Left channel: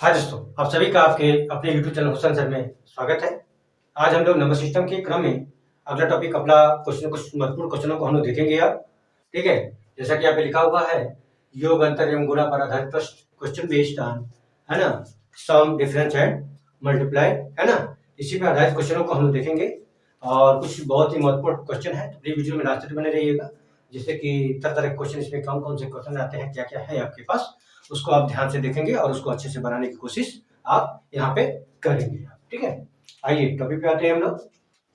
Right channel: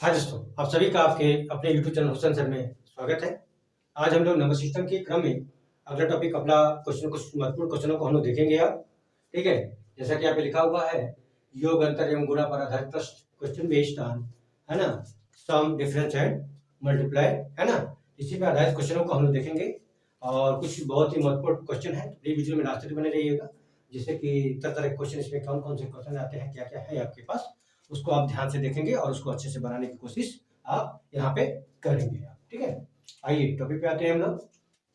हाँ दोस्तों, आप सभी का आपके अपने यूट्यूब चैनल हुसैन सर में स्वागत है। आज हम लोग नंबर सिस्टम के क्रम में अगला टॉपिक अपना कुछ महत्वपूर्ण क्वेश्चनों को हम लोग देखेंगे आप। ठीक है, जैसा कि यहाँ पे लिखा हुआ है, योग अंतर एवं गुणा पर आधारित प्रश्न, क्वेश्चन बेस्ड ऑन, है ना, सम डिफरेंस एंड मल्टीप्लाई, है ना। इसी पे आधारित क्वेश्चनों को हम लोग देखेंगे और कुछ बहुत ही महत्वपूर्ण क्वेश्चन है, तो प्लीज वीडियो में लास्ट तक बने रहिएगा, जिससे कि तरह तरह के क्वेश्चन इसमें कौन कौन से क्वेश्चन आते हैं, क्या क्या है आपके पास, उसको आप ध्यान से देखेंगे और उसको अच्छे से बनाने की कोशिश आप यहाँ पे करेंगे आप। ठीक है, आइए टॉपिक पे आते हैं हम लोग।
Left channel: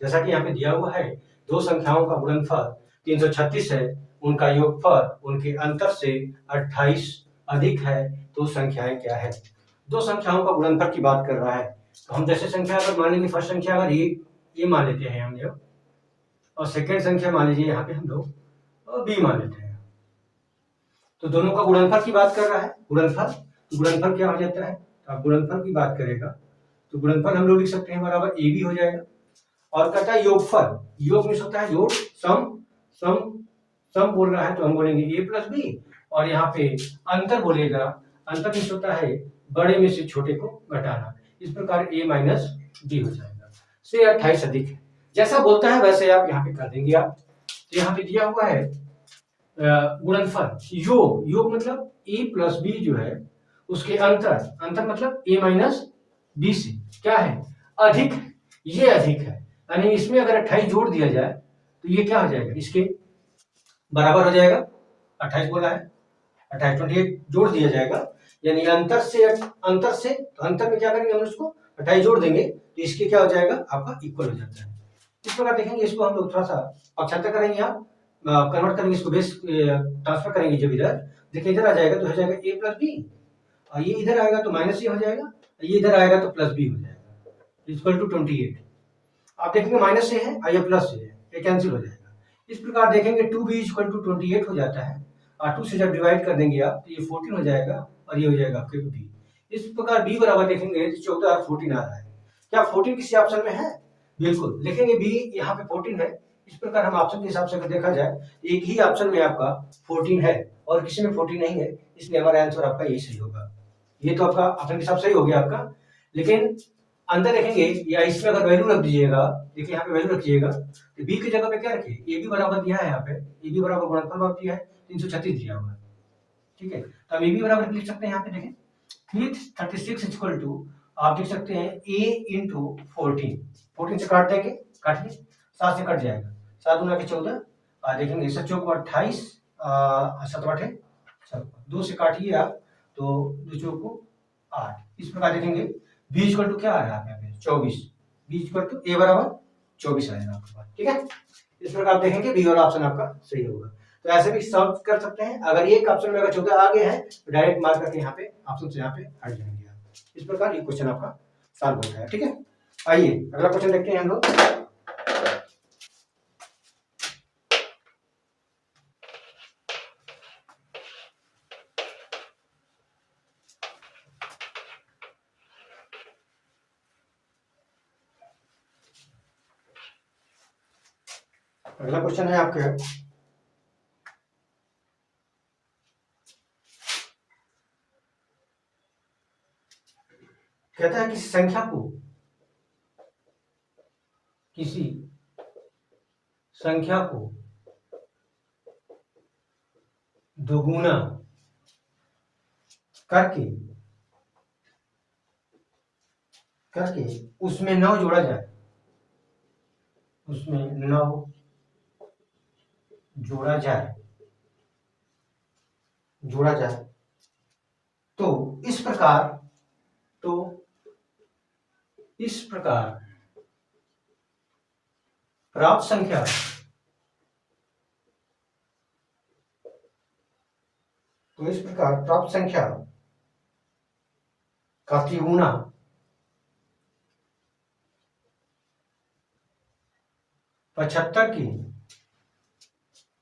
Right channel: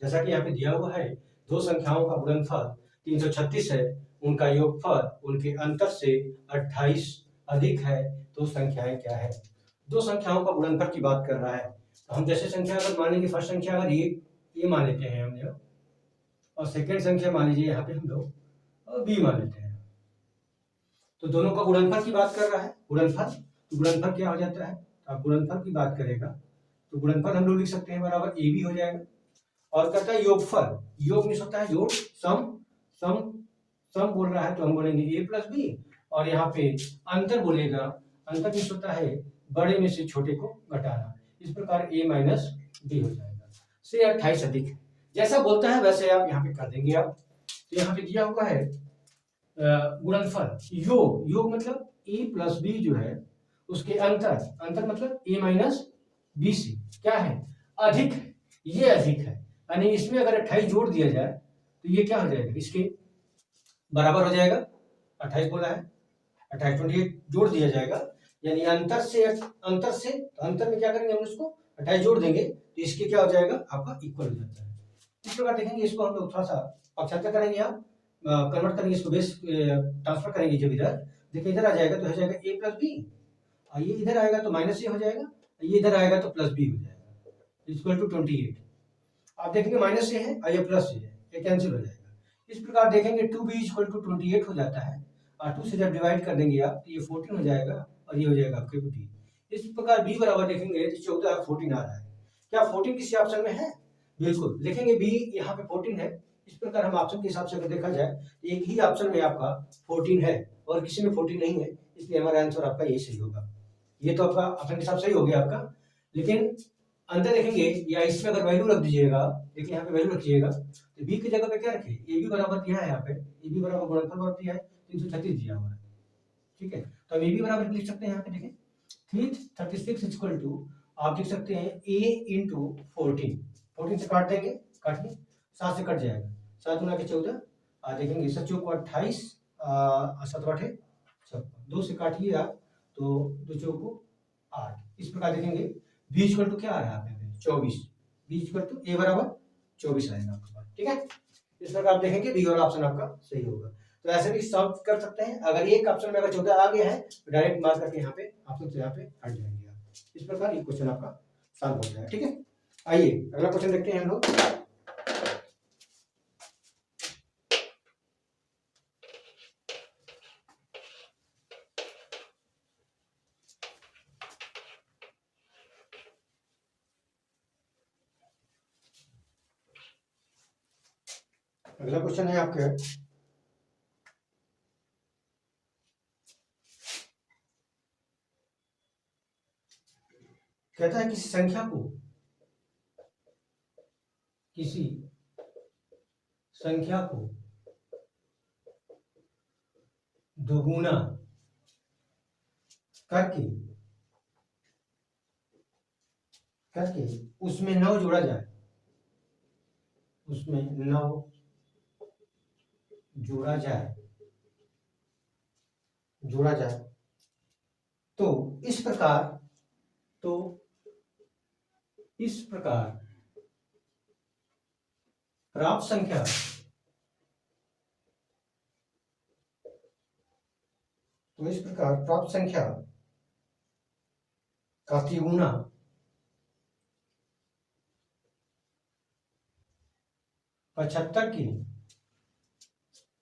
जैसा कि यहाँ पे दिया हुआ है, दो संख्याओं का गुणनफल 336 है, उनका योगफल उनके अंतर से 28 अधिक है, तो संख्याएं क्या है। दो संख्याओं का गुणनफल की बात कर रहा है, तो हम जैसे संख्या अगर मान लेंगे, फर्स्ट संख्या अगर ये मान लेते हैं हम लोग, और सेकेंड संख्या मान लीजिए यहाँ पे हम लोग बी मान लेते हैं, तो दोनों का गुणनफल की बात कर रहा है। गुणनफल, गुणनफल क्या हो जाता है, तो आप गुणनफल की बात करेगा तो गुणनफल हम लोग लिख सकते हैं बराबर ए बी हो जाएगा। और कहता है योगफल, योग में सकता है जोड़, सम, सम सम बोल रहा है तो हम बोलेंगे ए प्लस बी, और यहाँ पे अंतर बोलेगा, अंतर में होता है बड़े में से छोटे को घटाना, इस प्रकार ए माइनस बी हो जाएगा। से 28 अधिक है, जैसा बोलता है वैसे आप यहाँ पे कर देंगे आप। तो यहाँ पे दिया हुआ है गुणनफल, योग, योग मतलब ए प्लस बी जो है उसके अंतर, अंतर मतलब ए माइनस बी से क्या है, अधिक है, ये अधिक है, यानी इसमें अगर 28 जोड़ दिया जाए तो ये क्या हो जाएगा, इसके बराबर हो जाएगा। 28 बोला है, 28 28 जोड़ दिया जाएगा, यानी अंतर से तो अंतर में क्या करेंगे हम उसको 28 जोड़ देंगे तो इसके क्या हो जाएगा, आपका इक्वल हो जाता है। इस प्रकार देखेंगे, इसको हम लोग थोड़ा सा पक्षांतर करेंगे, आप कन्वर्ट करेंगे, इसको बेस ट्रांसफर करेंगे, जब इधर देखिए इधर आ जाएगा तो हो जाएगा ए प्लस बी, और ये इधर आएगा तो माइनस ए हो जाएगा, ये इधर आएगा तो प्लस बी हो जाएगा, इक्वल टू 28। आप देखेंगे माइनस से है और ये प्लस से है, ये कैंसिल हो जाएगा। इस प्रकार देखेंगे 2b इक्वल टू 28 हो जाता है, और 2 से जब डिवाइड कर देंगे आप तो ये 14 हो जाएगा, और ये हो जाएगा आपके b। इस प्रकार b बराबर देखेंगे तो 14 और 14 आ रहा है, क्या 14 किसी ऑप्शन में है, बिल्कुल लिखेंगे b, यहाँ पे 14 है। इस प्रकार हम ऑप्शन के हिसाब से अगर देखा जाए, एक ही ऑप्शन में आपका 14 है और किसी में 14 नहीं है, इसलिए हमारा आंसर आपका यही सही होगा। ये तो आपका ऑप्शन के हिसाब से सही हो गया आपका, लेकिन अंदर देखेंगे या इसमें अगर वैल्यू रख दीजिएगा, देखिए यहाँ पे वैल्यू रखिएगा, तो बी की जगह पे क्या रखिए, ए बी बराबर दिया है, यहाँ पे ए बी बराबर गुणनफल बराबर दिया है 336 दिया हुआ है। ठीक है, तो हम ए बी बराबर लिख सकते हैं, यहाँ पे देखें 336 इक्वल टू, आप देख सकते हैं ए इंटू 14, 14 से काट देंगे, काटिए, 7 से कट जाएगा, 7 गुना के 14, और देखेंगे 7 चौक 28, 7 बटे 2 से काटिए आप तो 2 चौक 8। इस प्रकार देखेंगे बी इक्वल टू क्या आ रहा है यहाँ पे 24, बी इक्वल टू ए बराबर 24 आएगा आपके पास। ठीक है, इस प्रकार आप देखेंगे बी वाला ऑप्शन आपका सही होगा। तो ऐसे भी सॉल्व कर सकते हैं, अगर एक ऑप्शन में अगर 14 आगे है तो डायरेक्ट मार्क करके यहाँ पे ऑप्शन से यहाँ पे हट जाएंगे आप। इस प्रकार ये क्वेश्चन आपका सॉल्व होता है। ठीक है, आइए अगला क्वेश्चन देखते हैं हम लोग। अगला क्वेश्चन है आपके, कहता है किसी संख्या को दोगुना करके करके उसमें 9 जोड़ा जाए, उसमें 9 जोड़ा जाए, जोड़ा जाए तो इस प्रकार, तो इस प्रकार प्राप्त संख्या, तो इस प्रकार प्राप्त संख्या का तिगुना 75 की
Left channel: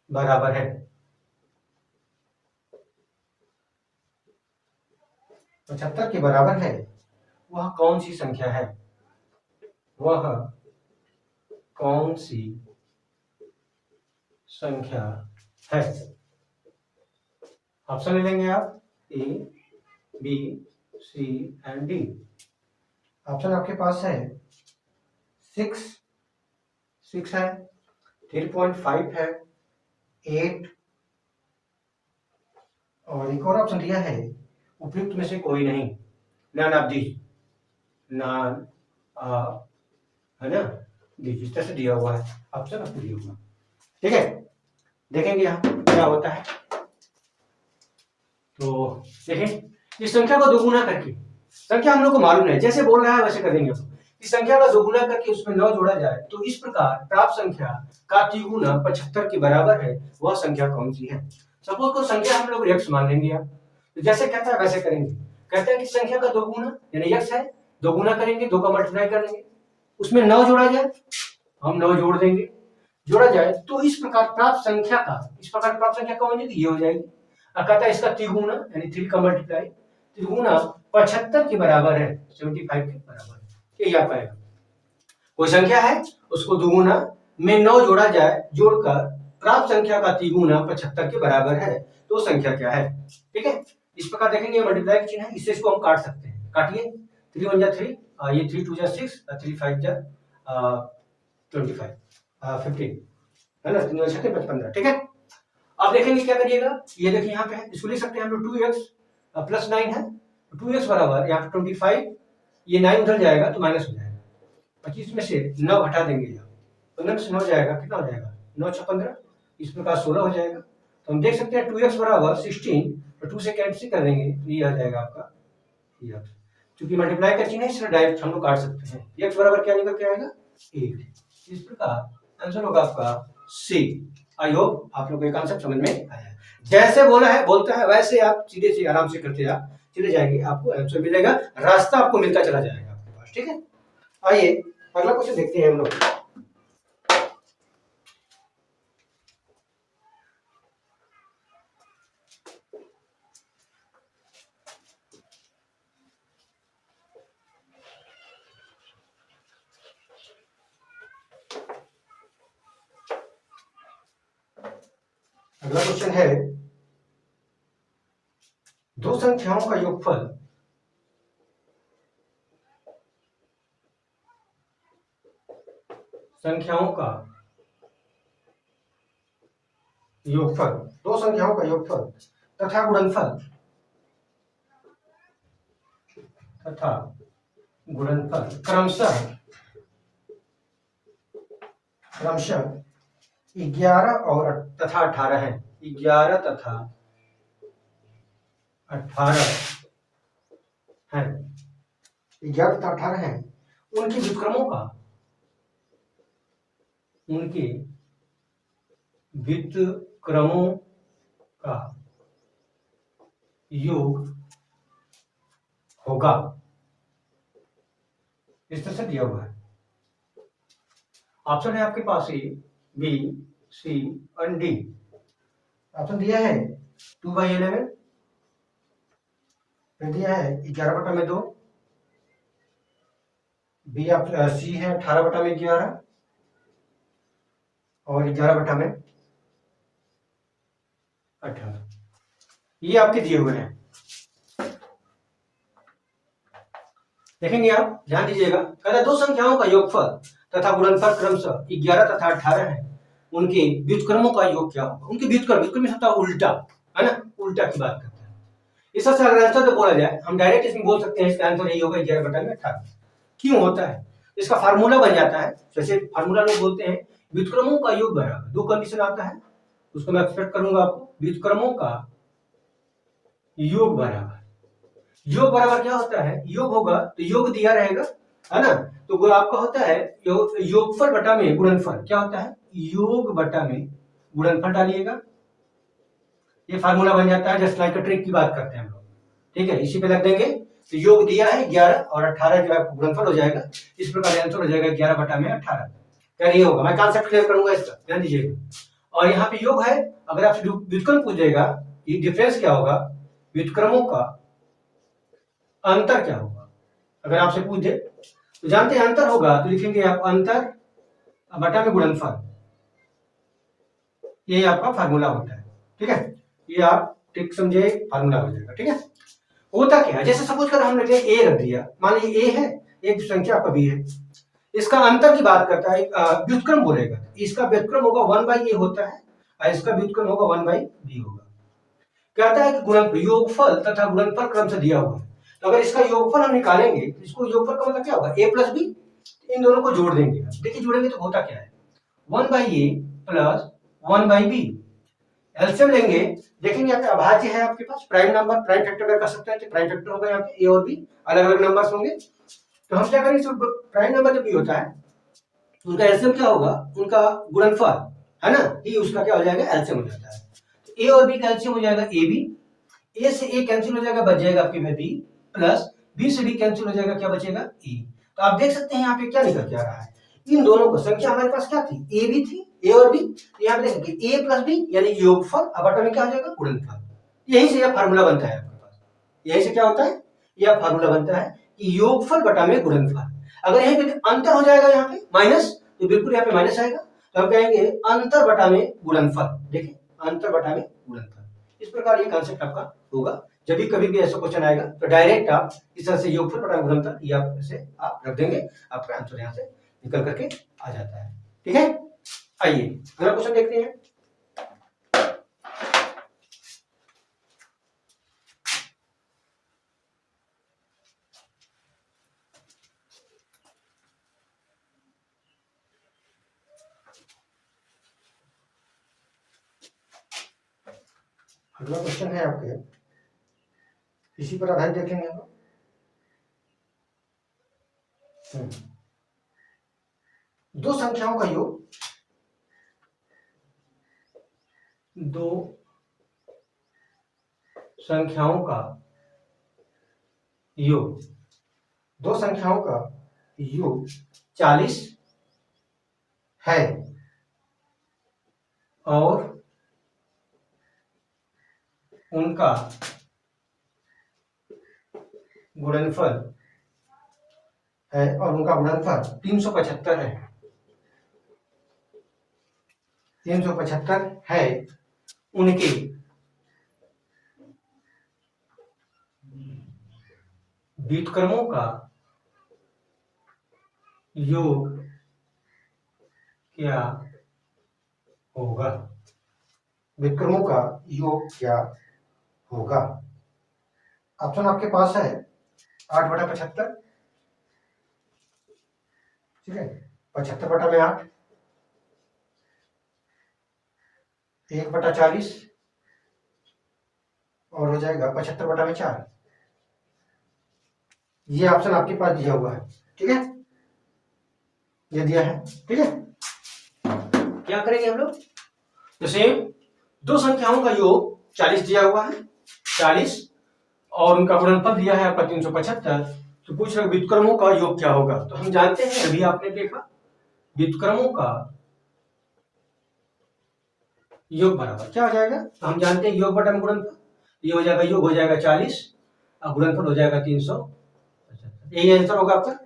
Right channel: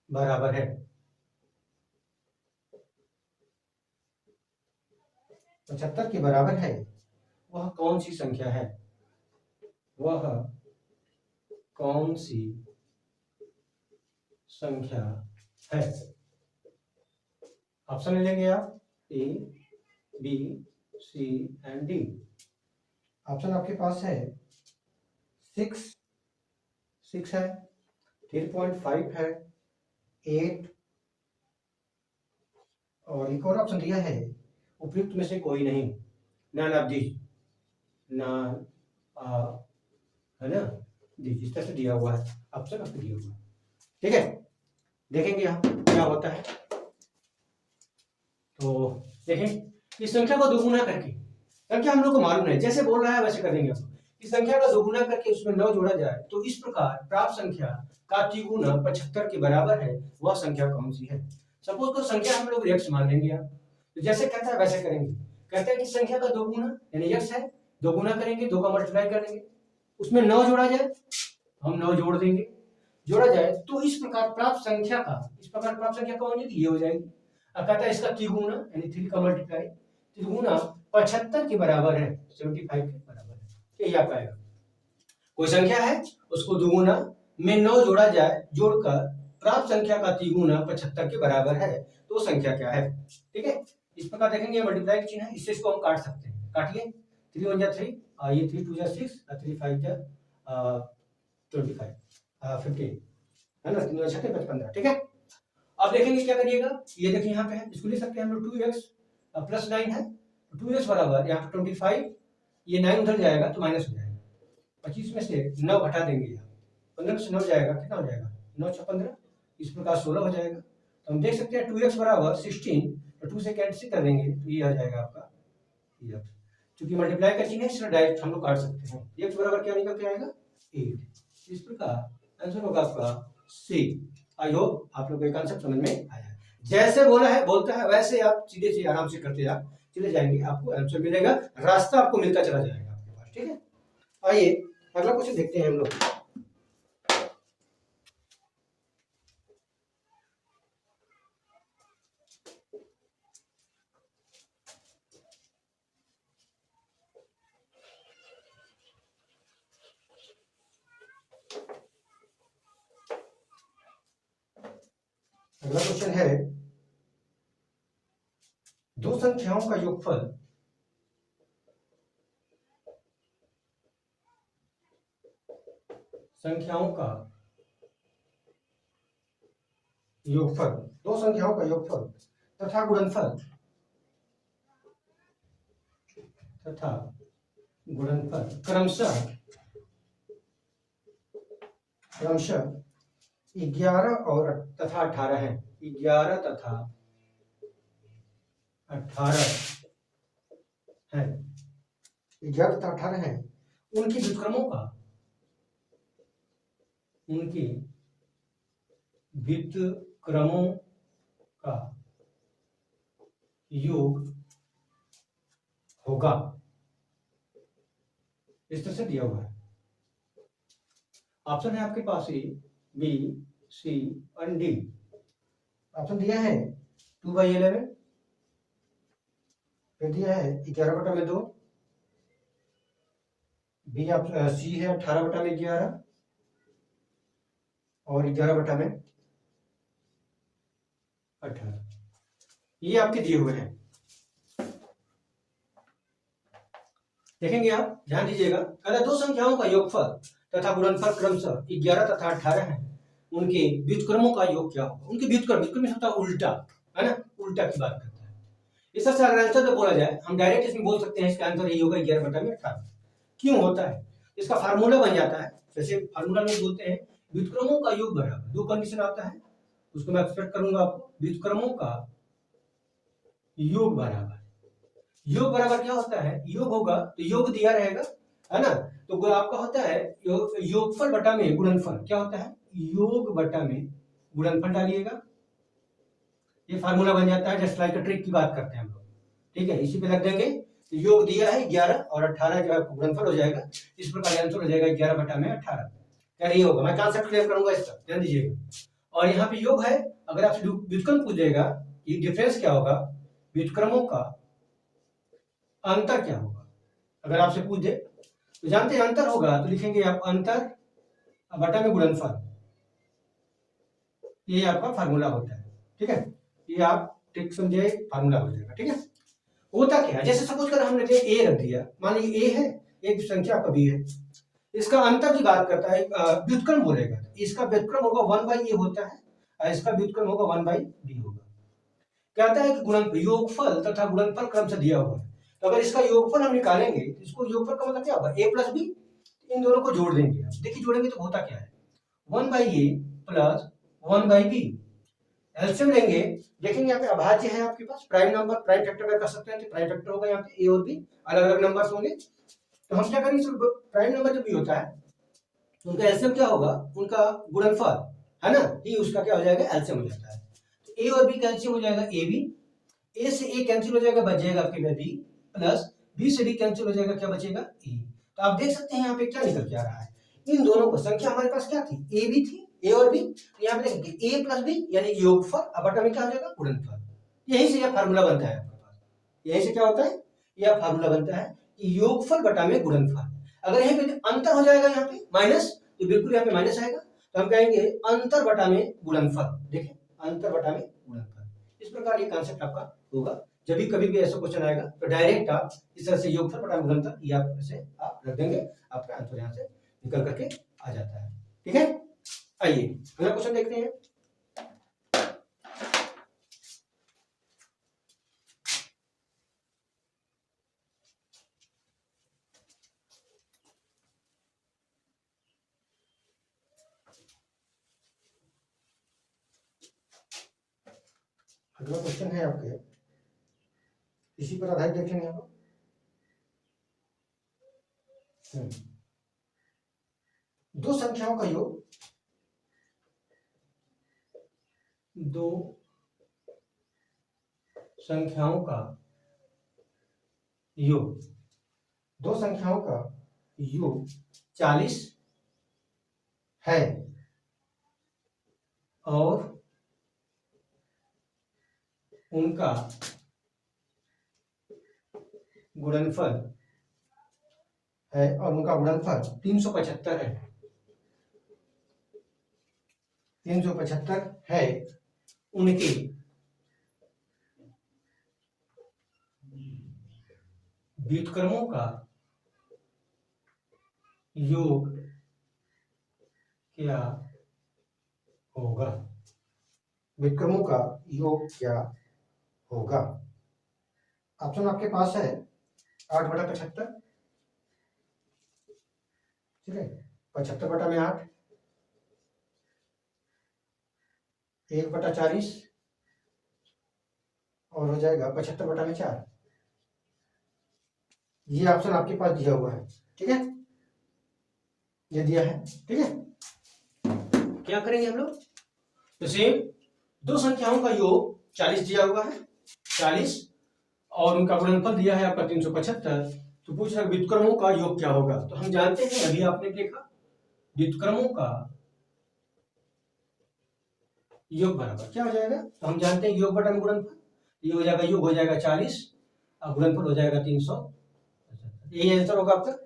बराबर है। 75 के बराबर है, वह कौन सी संख्या है, वह कौन सी संख्या है। ऑप्शन ले लेंगे आप, A B C and D. Option आपके पास है 6 है, 3.5 है, 8 और एक और ऑप्शन दिया है उपयुक्त में से कोई नहीं, नॉन ऑफ दीज, नॉन है ना, दीज इस तरह से दिया हुआ है ऑप्शन आपको दिया हुआ। ठीक है, देखेंगे यहाँ क्या होता है। तो देखें इस संख्या को दोगुना करके, संख्या हम लोग को मालूम है जैसे बोल रहा है वैसे कर देंगे हम। इस संख्या का दोगुना करके उसमें 9 जोड़ा जाए तो इस प्रकार प्राप्त संख्या का तिगुना 75 के बराबर है, वह संख्या कौन सी है। सपोज को संख्या हम लोग x मान लेंगे आप, तो जैसे कहता है वैसे करेंगे। कहता है कि संख्या का दोगुना यानी x है, दोगुना करेंगे, 2 का मल्टीप्लाई करेंगे, उसमें 9 जोड़ा जाए, हम 9 जोड़ देंगे, जोड़ा जाए तो इस प्रकार प्राप्त संख्या का, इस प्रकार प्राप्त संख्या कौन होगी, ये हो जाएगी। अब कहता है इसका तिगुना यानी 3 का मल्टीप्लाई, तिगुना 75 के बराबर है, 75 के बराबर है, यही आ पाएगा। कोई संख्या है उसको दुगुना में 9 जोड़ा जाए, जोड़कर प्राप्त संख्या का तिगुना 75 के बराबर है, तो संख्या क्या है। ठीक है, इस प्रकार देखेंगे मल्टीप्लाई का चिन्ह है, इससे इसको हम काट सकते हैं, काटिए, 3 1 जा 3, ये 3 2 जा 6, 3 5 जा 25, 15 है ना, 3 6 15। ठीक है, अब देखेंगे क्या करिएगा, ये देखिए यहाँ पे है, इसको लिख सकते हैं हम लोग 2x प्लस 9 है, 2x बराबर यहाँ पे 25, ये 9 उधर जाएगा तो माइनस हो जाएगा, 25 में से 9 घटा देंगे, 15 में से 9 जाएगा, कितना हो जाएगा, 9 6 15, इस प्रकार 16 हो जाएगा। तो हम देख सकते हैं 2x बराबर 16, तो 2 से कैंसिल कर देंगे तो ये आ जाएगा आपका ये, क्योंकि मल्टीप्लाई का चिन्ह है इसलिए डायरेक्ट हम लोग काट सकते हैं। x बराबर क्या निकल के आएगा 8। इस प्रकार आंसर होगा आपका सी। आई होप आप लोगों को ये कॉन्सेप्ट समझ में आया। जैसे बोला है बोलता है वैसे आप सीधे से आराम से करते आप चले जाएंगे, आपको आंसर मिलेगा, रास्ता आपको मिलता चला जाएगा आपके पास। ठीक है, आइए अगला क्वेश्चन देखते हैं हम लोग। अगला क्वेश्चन है दो संख्याओं का योगफल दो संख्याओं का योगफल तथा गुणनफल क्रमशः 11 और तथा 18 है, 11 तथा 18 है, 11 तथा 18 है, उनके व्युत्क्रमों का योग होगा, इस तरह से दिया हुआ है। ऑप्शन है आपके पास ए बी सी और डी। ऑप्शन दिया है 2/11, फिर दिया है 11/2, बी सी है 18/11 और 11/18। ये आपके दिए हुए हैं, देखेंगे आप, ध्यान दीजिएगा। कहता दो संख्याओं का योगफल तथा गुणनफल क्रमशः 11 तथा 18 है, उनके व्युत्क्रमों का योग क्या होगा। उनके व्युत्क्रम में होता है उल्टा, है ना, उल्टा की बात करते हैं। इस तरह से अगर आंसर तो बोला जाए हम डायरेक्ट इसमें बोल सकते हैं इसका आंसर यही होगा 11/18। क्यों होता है, इसका फार्मूला बन जाता है, जैसे फार्मूला लोग बोलते हैं व्युत्क्रमों का योग बराबर, दो कंडीशन आता है, उसको मैं एक्सपेक्ट करूंगा आपको, व्युत्क्रमों का योग बराबर, योग बराबर क्या होता है, योग होगा तो योग दिया रहेगा, है ना, तो आपका होता है योगफल बटा में गुणनफल, क्या होता है योग बटा में गुणनफल डालिएगा, ये फार्मूला बन जाता है। जस्ट लाइक अ ट्रिक की बात करते हैं हम लोग, ठीक है, इसी पे लग देंगे। तो योग दिया है 11 और 18 जो है गुणनफल हो जाएगा, इस प्रकार आंसर हो जाएगा 11/18। क्या नहीं होगा, मैं कॉन्सेप्ट क्लियर करूंगा इसका, ध्यान दीजिएगा। और यहाँ पे योग है, अगर आपसे व्युत्क्रम पूछेगा ये डिफरेंस क्या होगा, व्युत्क्रमों का अंतर क्या होगा, अगर आपसे पूछ दे तो जानते हैं अंतर होगा तो लिखेंगे आप अंतर बटा में गुणनफल, ये आपका फार्मूला होता है। ठीक है, ये आप ठीक समझे, फार्मूला हो जाएगा। ठीक है, होता क्या है, जैसे सपोज कर हमने ए रख दिया, मान लीजिए ए है, एक संख्या आपका बी है, इसका अंतर की बात करता है, व्युत्क्रम बोलेगा, इसका व्युत्क्रम होगा 1/a होता है और इसका व्युत्क्रम होगा 1/b होगा। कहता है कि गुणन योगफल तथा गुणनफल क्रम से दिया हुआ है, तो अगर इसका योगफल हम निकालेंगे, इसको योगफल का मतलब क्या होगा, a प्लस बी, इन दोनों को जोड़ देंगे। देखिए जोड़ेंगे तो होता क्या है, 1/a प्लस 1/b, एलसीएम लेंगे, देखेंगे यहाँ पे अभाज्य है आपके पास, प्राइम नंबर प्राइम फैक्टर अगर कर सकते हैं तो प्राइम फैक्टर होगा, यहाँ पे a और b अलग अलग नंबर्स होंगे, तो हम क्या करेंगे, प्राइम नंबर जब भी होता है तो उनका एलसीएम क्या होगा, उनका गुणनफल है ना, ही उसका क्या हो जाएगा, एलसीएम हो जाता है। तो ए और बी का एलसीएम हो जाएगा ए बी, ए से ए कैंसिल हो जाएगा, बच जाएगा आपके पास बी, प्लस बी से बी कैंसिल हो जाएगा, क्या बचेगा, ए। तो आप देख सकते हैं यहाँ पे क्या निकल के आ रहा है, इन दोनों को संख्या हमारे पास क्या थी, ए बी थी, ए और बी, तो यहाँ पे देखेंगे ए प्लस बी यानी योगफल, अब बटा में क्या हो जाएगा, गुणनफल। यही से यह फार्मूला बनता है आपके पास, यही से क्या होता है, यह फार्मूला बनता है कि योगफल बटा में गुणनफल। अगर यहीं पे अंतर हो जाएगा यहाँ पे माइनस, तो बिल्कुल यहाँ पे माइनस आएगा, तो हम कहेंगे अंतर बटा में गुणनफल। देखिए अंतर बटा में गुणनफल, इस प्रकार ये कॉन्सेप्ट आपका होगा। जब भी कभी भी ऐसा क्वेश्चन आएगा तो डायरेक्ट आप इस तरह से योगफल बटा गुणनफल ये आप से आप रख देंगे, आपका आंसर यहाँ से निकल करके आ जाता है। ठीक है, आइए अगला क्वेश्चन देखते हैं। अगला क्वेश्चन है आपके, इसी पर आधारित देखेंगे हम। दो संख्याओं का योग, दो संख्याओं का योग, दो संख्याओं का योग 40 है और उनका गुणनफल है, और उनका गुणनफल 375 है, 375 है, उनके व्युत्क्रमों का योग क्या होगा, व्युत्क्रमों का योग क्या होगा। ऑप्शन आपके पास है 8/75, ठीक है, 75 बटा में 8, 1/40 और हो जाएगा 75 बटा में 4, ये ऑप्शन आपके पास दिया हुआ है। ठीक है, ये दिया है। ठीक है, क्या करेंगे हम लोग, तो सेम दो संख्याओं का योग 40 दिया हुआ है, 40 और उनका गुणनफल दिया है आपका 375, तो पूछ रहे व्युत्क्रमों का योग क्या होगा। तो हम जानते हैं, अभी आपने देखा व्युत्क्रमों का योग बराबर क्या हो जाएगा, तो हम जानते हैं योग बटा में गुणनफल, ये हो जाएगा, योग हो जाएगा 40 और गुणनफल हो जाएगा 375, यही आंसर होगा आपका।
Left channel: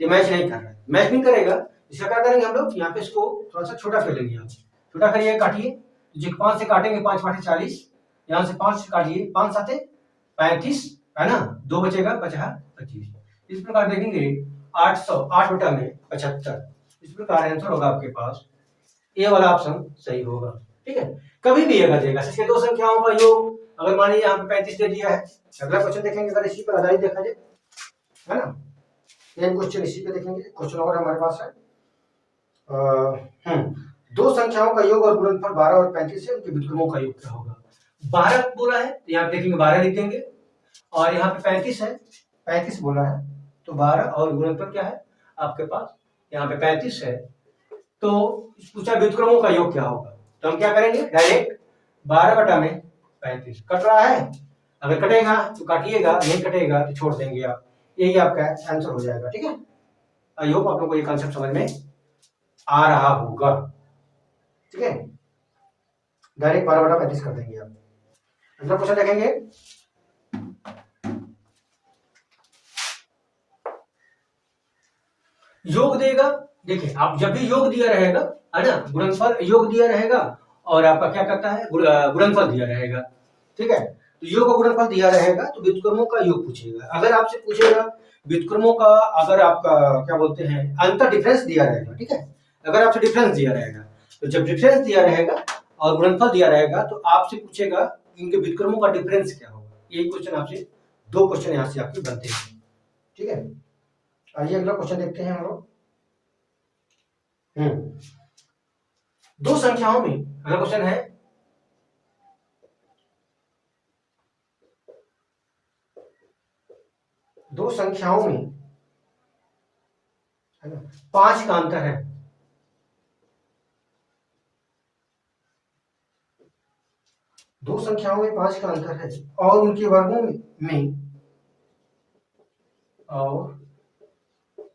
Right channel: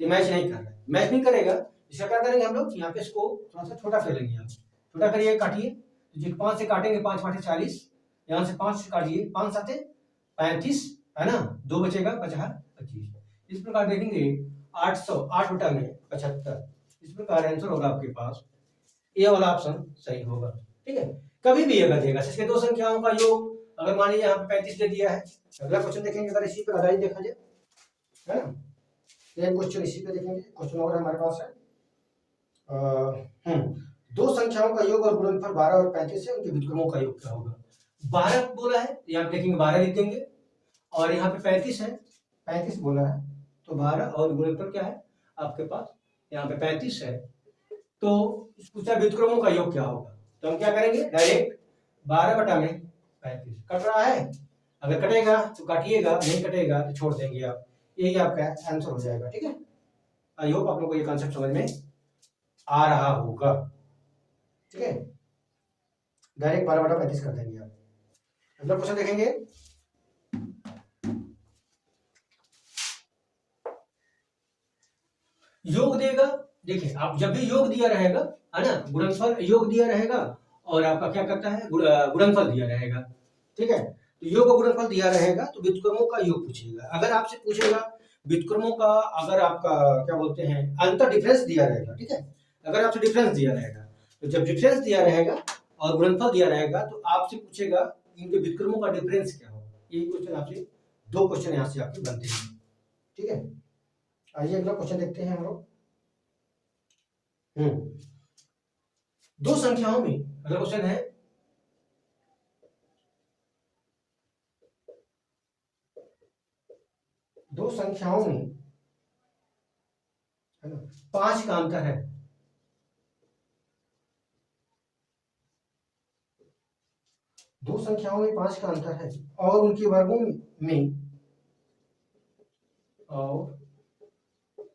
ये मैच नहीं कर रहा है, मैच नहीं करेगा, इसका क्या करेंगे हम लोग, यहाँ पे इसको थोड़ा सा छोटा कर लेंगे, आप छोटा करिए, काटिए, तो 5 से काटेंगे, 5 5 40, यहाँ से 5 से काटिए, 5 7 35 है ना, 2 बचेगा, बचा 25, इस प्रकार देखेंगे 8/75, इस प्रकार आंसर होगा आपके पास, ए वाला ऑप्शन सही होगा। ठीक है, कभी भी अगर देगा इसके दो संख्याओं का योग, अगर मान लीजिए यहाँ पे 35 दे दिया है, अगला क्वेश्चन देखेंगे अगर इसी पर आधारित देखा जाए, है ना, ये क्वेश्चन इसी पे देखेंगे। क्वेश्चन और हमारे पास है, दो संख्याओं का योग और गुणनफल 12 और 35 है, उनके व्युत्क्रमों का योग क्या होगा। 12 बोला है तो यहाँ पे देखेंगे 12 लिख देंगे, और यहाँ पे 35 है, 35 बोला है तो 12 और गुणनफल क्या है आपके पास, यहाँ पे 35 है, तो पूछा व्युत्क्रमों का योग क्या होगा, तो हम क्या करेंगे, डायरेक्ट 12 बटा में 35, कट रहा है, अगर कटेगा तो काटिएगा, नहीं कटेगा तो छोड़ देंगे आप, यही आपका आंसर हो जाएगा। ठीक है, आई होप आप लोगों को ये कॉन्सेप्ट समझ में आ रहा होगा। ठीक है, डायरेक्ट 12/35 कर देंगे आप। अगला क्वेश्चन देखेंगे, योग देगा, देखिए आप जब भी योग दिया रहेगा, है ना, गुणनफल योग दिया रहेगा और आपका क्या करता है, गुणनफल दिया रहेगा। ठीक है, तो योग का गुणनफल दिया रहेगा तो व्युत्क्रमों का योग पूछेगा। अगर आपसे पूछेगा व्युत्क्रमों का, अगर आपका क्या बोलते हैं अंतर डिफरेंस दिया रहेगा, ठीक है, अगर आपसे डिफरेंस दिया रहेगा तो जब डिफरेंस दिया रहेगा और गुणनफल दिया रहेगा तो आपसे पूछेगा इनके व्युत्क्रमों का डिफरेंस क्या होगा। ये क्वेश्चन आपसे, दो क्वेश्चन यहाँ से आपके बनते हैं, ठीक है। आइए अगला क्वेश्चन देखते हैं हम लोग। दो संख्याओं में, अगला क्वेश्चन है दो संख्याओं में 5 का अंतर है। दो संख्याओं में 5 का अंतर है और उनके वर्गों में और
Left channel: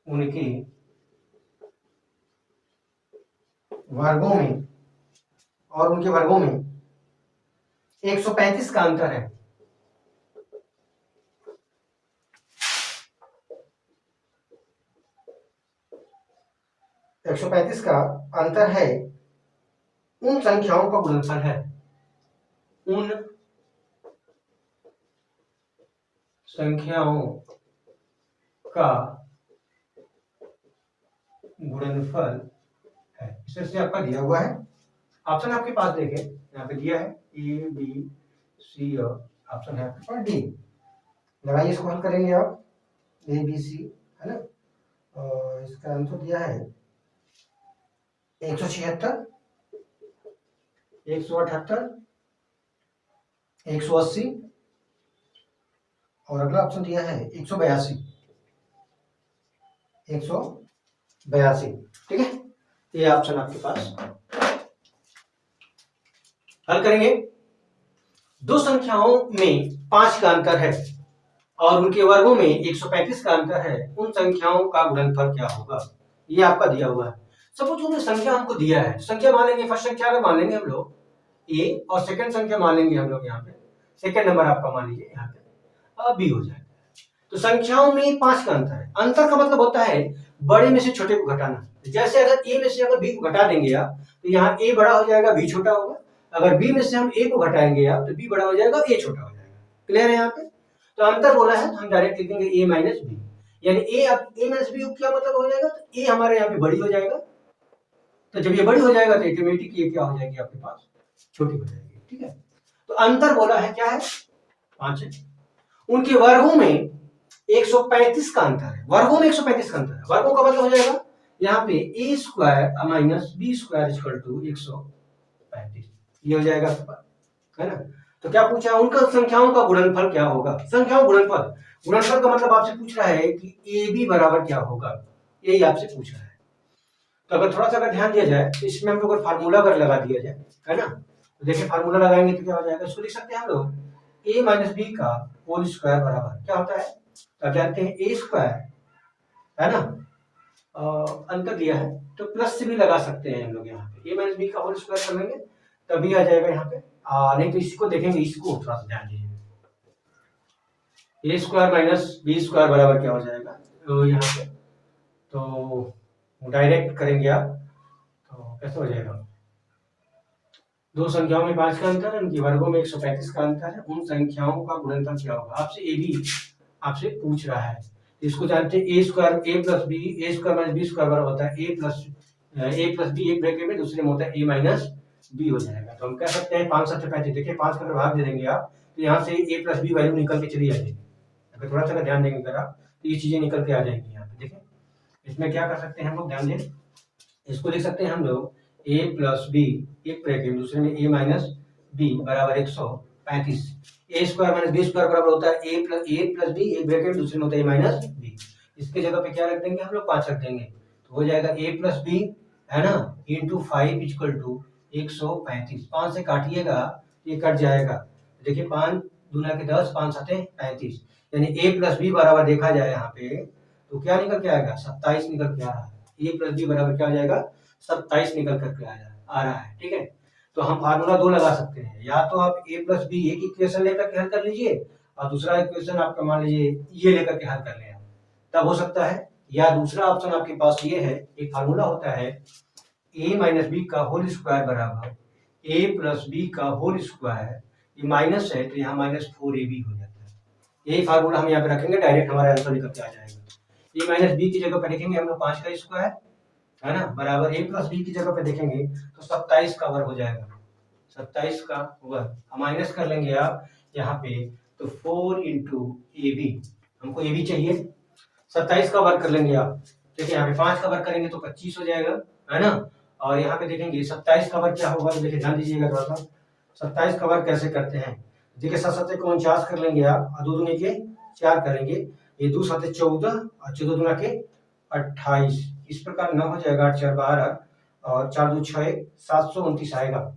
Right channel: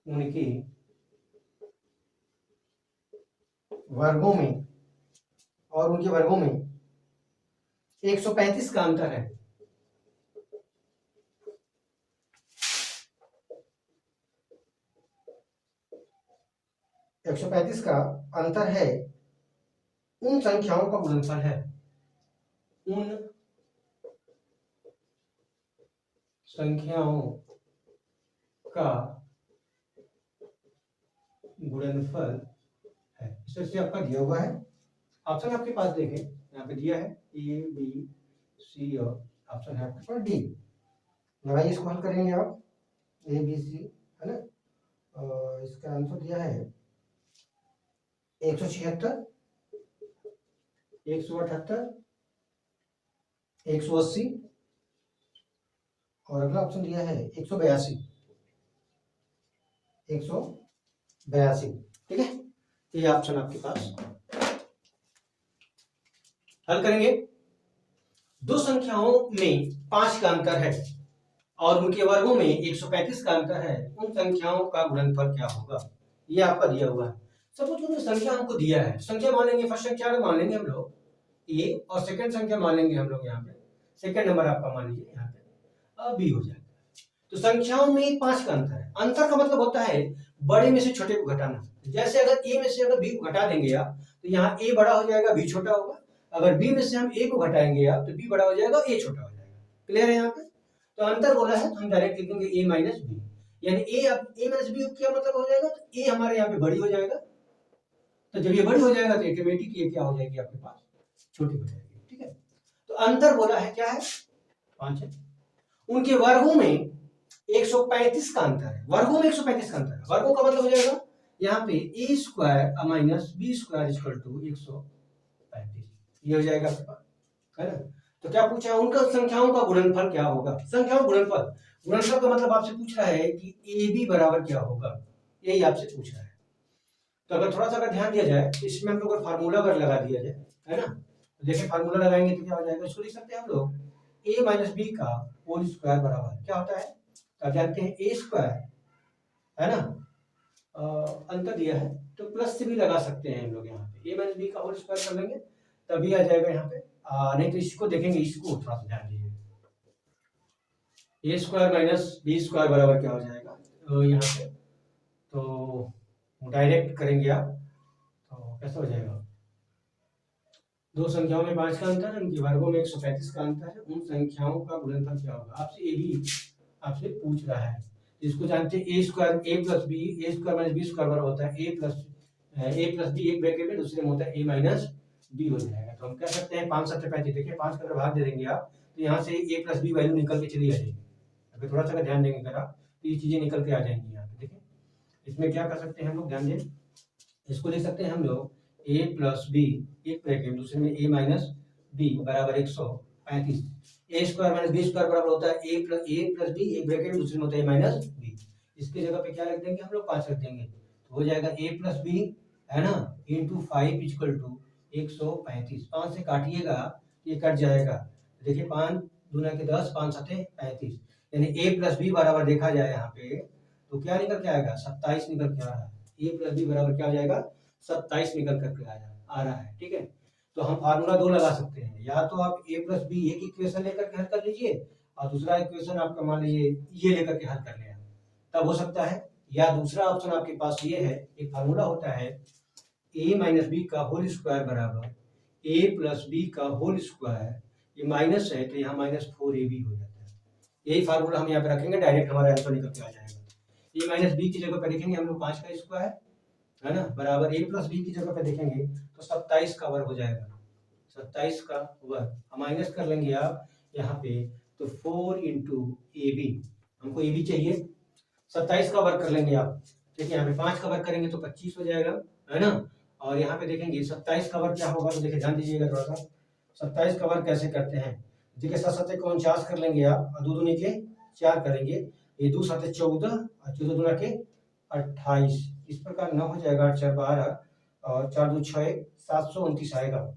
उनके वर्गों में और उनके वर्गों में 135 का अंतर है। एक 135 का अंतर है, उन संख्याओं का गुणनफल है। उन संख्याओं का गुणनफल है। इसे आपका दिया हुआ है, ऑप्शन आपके पास देखें यहाँ पे दिया है ए बी सी और ऑप्शन है आपके पास डी। लगाइए, इसको हल करेंगे आप, ए बी सी है ना, और इसका आंसर दिया है 176, 178, 180 और अगला ऑप्शन दिया है 182, 182, ठीक है। ये ऑप्शन आपके पास। हल करेंगे। दो संख्याओं में 5 का अंतर है और उनके वर्गों में 135 का अंतर है, उन संख्याओं का गुणनफल क्या होगा। ये आपका दिया हुआ है। सपोज हमने संख्या हमको दिया है, संख्या मान लेंगे, फर्स्ट संख्या मान लेंगे हम लोग ए और सेकंड संख्या मान लेंगे हम लोग यहाँ पे, सेकंड नंबर आपका मान लीजिए यहाँ पे बी हो जाएगा। तो संख्याओं में 5 का अंतर है। अंतर का मतलब होता है बड़े में से छोटे को घटाना। जैसे अगर ए में से अगर बी को घटा देंगे आप तो यहाँ ए बड़ा हो जाएगा, बी छोटा होगा। अगर बी में से हम ए को घटाएंगे आप तो बी बड़ा हो जाएगा, ए छोटा हो जाएगा। क्लियर है यहाँ पे। तो अंतर बोला है तो हम डायरेक्ट लिख देंगे ए माइनस बी, यानी ए माइनस बी क्या मतलब हो जाएगा, तो ए हमारे यहाँ पे बड़ी हो जाएगा। तो जब ये बड़ी हो जाएगा तो ऑटोमेटिक ये क्या हो जाएगी आपके पास, छोटी हो जाएगी, ठीक है। तो अंतर बोला है क्या है, 5 है। उनके वर्गों में 135 का अंतर है। वर्गों में 135 का अंतर है। वर्गों का मतलब हो जाएगा यहाँ पे A square minus B square equal to 135, ये हो जाएगा आपके पास, है ना। तो क्या पूछा, उनका संख्याओं का गुणनफल क्या होगा। संख्याओं गुणनफल, गुणनफल का मतलब आपसे पूछ रहा है कि ए बी बराबर क्या होगा, यही आपसे पूछ रहा है। तो अगर थोड़ा सा अगर ध्यान दिया जाए तो इसमें हम लोग अगर फार्मूला अगर लगा दिया जाए, है ना, तो देखिए फार्मूला लगाएंगे तो क्या हो जाएगा, इसको लिख सकते हैं हम लोग ए माइनस बी का होल स्क्वायर बराबर क्या होता है, तो आप जानते हैं ए स्क्वायर, है ना, अंतर दिया है तो प्लस से भी लगा सकते हैं हम लोग यहाँ पे, ए माइनस बी का होल स्क्वायर कर लेंगे तभी आ जाएगा यहाँ पे। नहीं तो इसको देखेंगे, इसको थोड़ा सा ध्यान दीजिए, ए स्क्वायर माइनस बी स्क्वायर बराबर क्या हो जाएगा, तो यहाँ पे तो डायरेक्ट करेंगे आप तो कैसे हो जाएगा, दो संख्याओं में 5 का अंतर है, उनके वर्गों में 135 का अंतर है, उन संख्याओं का गुणनफल क्या होगा। आपसे ए बी आपसे पूछ रहा है, इसको जानते हैं ए स्क्वायर ए प्लस बी, ए स्क्वायर माइनस बी स्क्वायर बराबर होता है ए प्लस बी, एक ब्रैकेट में दूसरे में होता है ए माइनस बी हो जाएगा। तो हम कह सकते हैं 5 7 35, देखिए 5 का अगर भाग दे देंगे आप तो यहाँ से ए प्लस बी वैल्यू निकल के चली जाएगी। अगर थोड़ा सा ध्यान देंगे अगर आप तो ये चीजें निकल के आ जाएंगी यहाँ पे। देखिए इसमें क्या कर सकते हैं हम लोग, ध्यान दें, इसको लिख सकते हैं हम लोग ए प्लस बी, एक ब्रैकेट दूसरे में ए माइनस बी बराबर 135, ए स्क्वायर माइनस बी स्क्वायर बराबर होता है ए प्लस बी, एक ब्रैकेट दूसरे में होता है ए माइनस बी। इसके जगह पे क्या रख देंगे हम लोग, 5 रख देंगे तो हो जाएगा ए प्लस बी, है ना, इंटू 5 इक्वल टू 135। 5 से काटिएगा ये कट जाएगा, देखिए 5 दूना के 10, 5 सते 35, यानी ए प्लस बी बराबर देखा जाए यहाँ पे तो क्या निकल के आएगा, 27 निकल के आ रहा है। ए प्लस बी बराबर क्या हो जाएगा, 27 निकल करके आ रहा है, ठीक है। तो हम फार्मूला 2 लगा सकते हैं, या तो आप ए प्लस बी एक इक्वेशन लेकर के हल कर लीजिए और दूसरा इक्वेशन आपका मान लीजिए ये लेकर के हल कर लें आप, तब हो सकता है। या दूसरा ऑप्शन आपके पास ये है, एक फार्मूला होता है ए माइनस बी का होल स्क्वायर बराबर ए प्लस बी का होल स्क्वायर ये माइनस है तो यहाँ -4ab हो जाता है। यही फार्मूला हम यहाँ पे रखेंगे, डायरेक्ट हमारा आंसर निकल के आ जाएगा। ये -b की जगह पे लिखेंगे हम लोग 5 का स्क्वायर, है ना, बराबर a + b की जगह पे देखेंगे तो 27 का वर्ग हो जाएगा, 27 का वर्ग। हम माइनस कर लेंगे आप यहाँ पे तो 4 × ab, हमको ab चाहिए, 27 का वर्ग कर लेंगे आप। देखिए यहाँ पे 5 का वर्ग करेंगे तो 25 हो जाएगा, है ना। और यहाँ पे देखेंगे 27 का वर्ग क्या होगा, तो देखिए ध्यान दीजिएगा थोड़ा सा। 27 का वर्ग कैसे करते हैं, देखिए 7 7 को 49 कर लेंगे आप, और 2 दूनी के 4 करेंगे, ये 2 7 14 और 14 दूना के 28, इस प्रकार 9 हो जाएगा, 8 4 12 और 4 2 6 729 आएगा।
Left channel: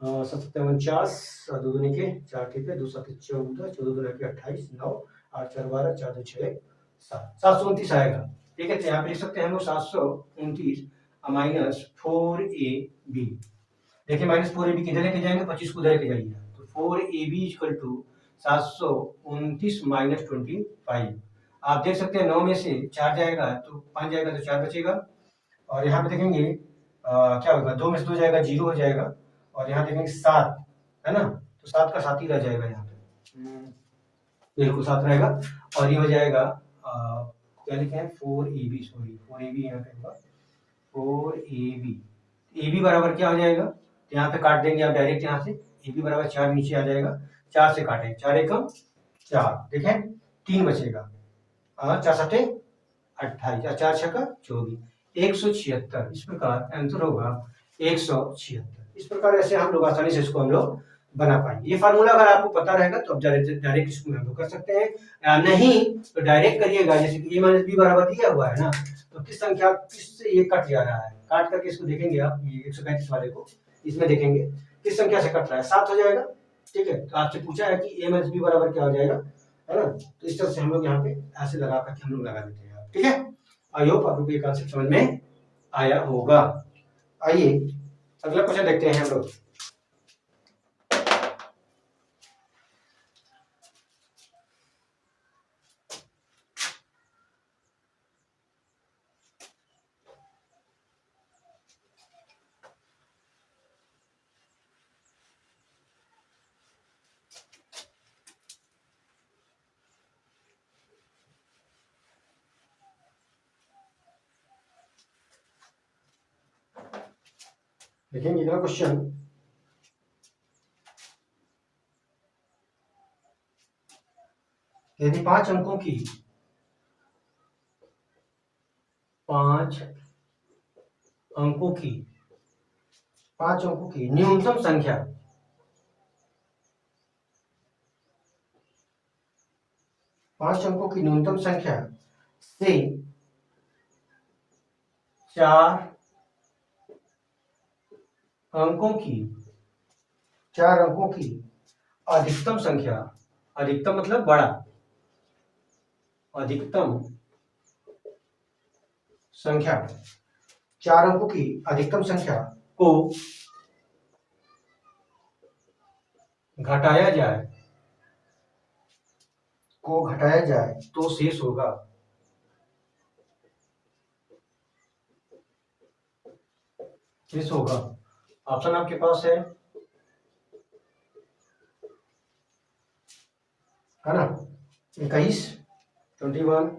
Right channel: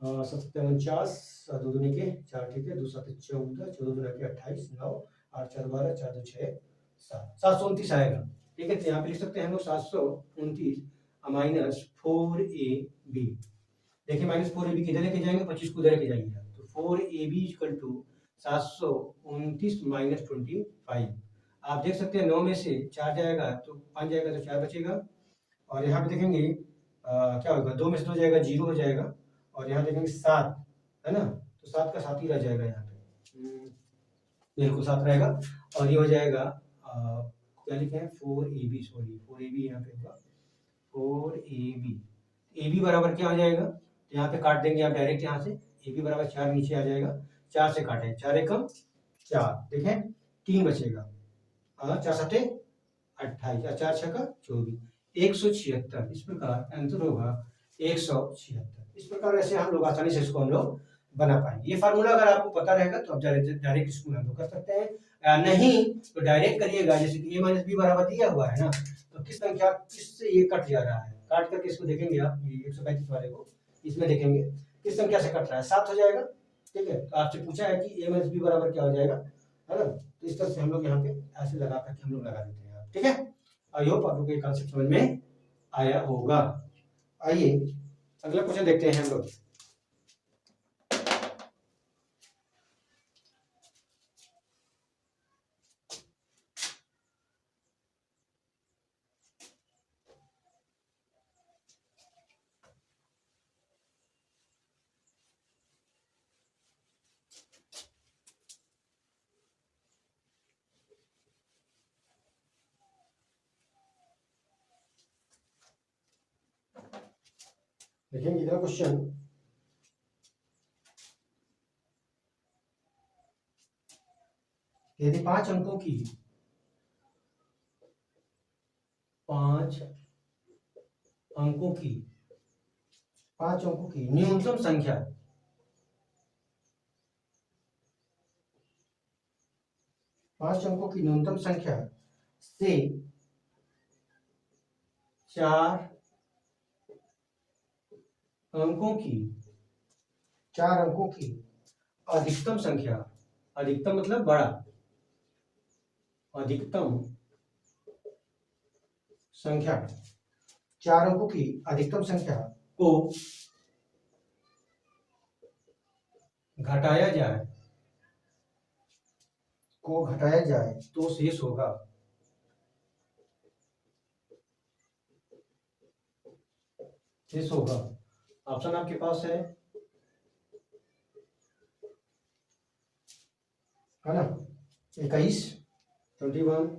7 7 49 और 2 दूनी के 4, ठीक है, 2 7 14 14 दूना के 28, 9 8 4 12 4 2 6 7 729 आएगा, ठीक है। तो यहाँ पे लिख सकते हैं हम लोग 729 -4ab। देखिए -4ab किधर लेके जाएंगे, 25 को उधर लेके जाइए, तो 4ab = 729 - 25। आप देख सकते हैं 9 में से 4 जाएगा तो 5 जाएगा तो 4 बचेगा, और यहाँ पे देखेंगे क्या होगा, 2 में से 2 जाएगा 0 हो जाएगा, और यहाँ देखेंगे 7, है ना, तो 7 का 7 ही रह जाएगा यहाँ पे, बिल्कुल 7 रहेगा। और ये हो जाएगा क्या लिखे हैं 4ab, सॉरी 4ab यहाँ पे होगा 4ab। ab बराबर क्या हो जाएगा, तो यहाँ पे काट देंगे आप डायरेक्ट, यहाँ से ab बराबर 4 नीचे आ जाएगा, 4 से काटें, 4 एकम 4, देखें 3 बचेगा, 4 7 28 और 4 6 24, 176। इस प्रकार आंसर होगा 176। इस प्रकार ऐसे हम लोग आसानी से इसको हम लोग बना पाएंगे। ये फार्मूला अगर आपको पता रहेगा तो आप डायरेक्ट इसको हम लोग कर सकते हैं, नहीं तो डायरेक्ट करिएगा, जैसे कि a - b बराबर दिया हुआ है ना, तो किस संख्या किससे ये कट जा रहा है, काट करके इसको देखेंगे आप, ये 135 वाले को इसमें देखेंगे किस संख्या से कट रहा है, 7 हो जाएगा, ठीक है। तो आपसे पूछा है कि a - b बराबर क्या हो जाएगा, है ना, तो इस तरह से हम लोग यहाँ पे ऐसे लगा करके हम लोग लगा देते हैं, ठीक है। आई होप आप लोग को ये कॉन्सेप्ट समझ में आया होगा। आइए अगला क्वेश्चन देखते हैं हम लोग। देखेंगे अगला क्वेश्चन, यदि 5 अंकों की 5 अंकों की 5 अंकों की न्यूनतम संख्या 5 अंकों की न्यूनतम संख्या से 4 अंकों की 4 अंकों की अधिकतम संख्या, अधिकतम मतलब बड़ा, अधिकतम संख्या 4 अंकों की अधिकतम संख्या को घटाया जाए तो शेष होगा। शेष होगा, ऑप्शन आपके पास है ना, 21 21